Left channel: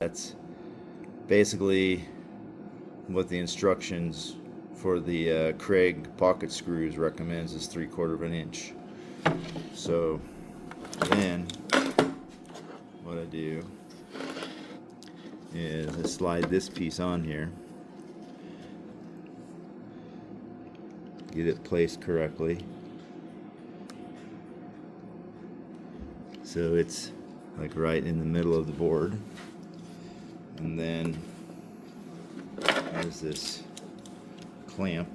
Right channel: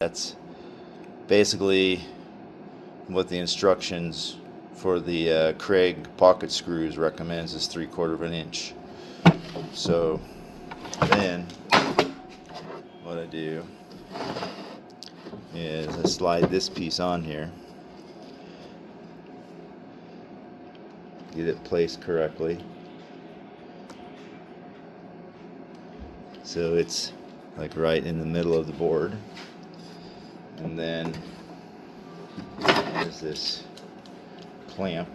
That's basically what the instructions for the Kreg pocket screws recommends is 3/4 of an inch. So then what I do is I slide this piece on here, get it placed correctly so it's like right in the middle of the board. And then there's this clamp.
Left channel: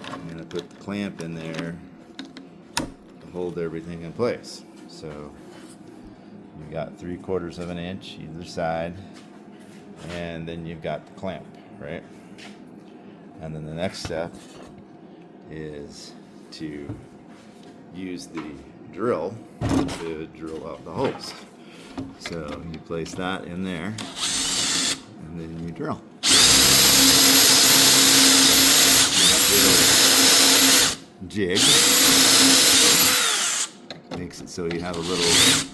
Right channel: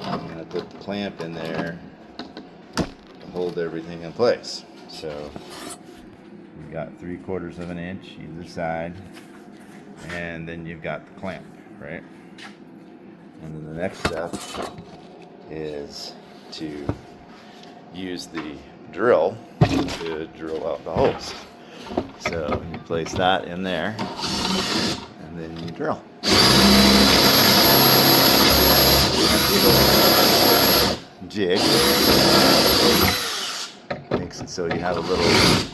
I'm going to put the clamp in there to hold everything in place. So you've got 3/4 of an inch either side, and then you've got the clamp, right? And then the next step is to use the drill to drill out the holes. So you place that in there, and then you drill. Jig makes it so you have a little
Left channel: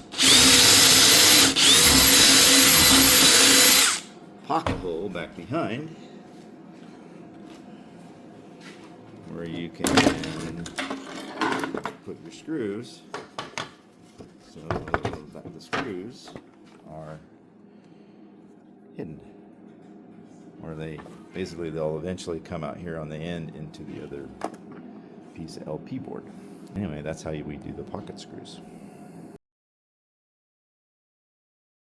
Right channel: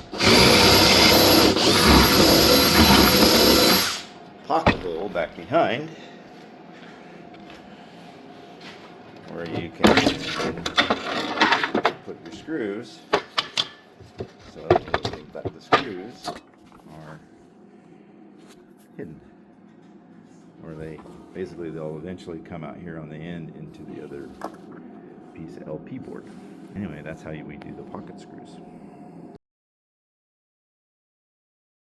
pocket hole back behind where you can put your screws. So the screws are hidden, or they'll eventually come out here on the end into the other piece of LP board. Anyway, that's how we do the pocket screws.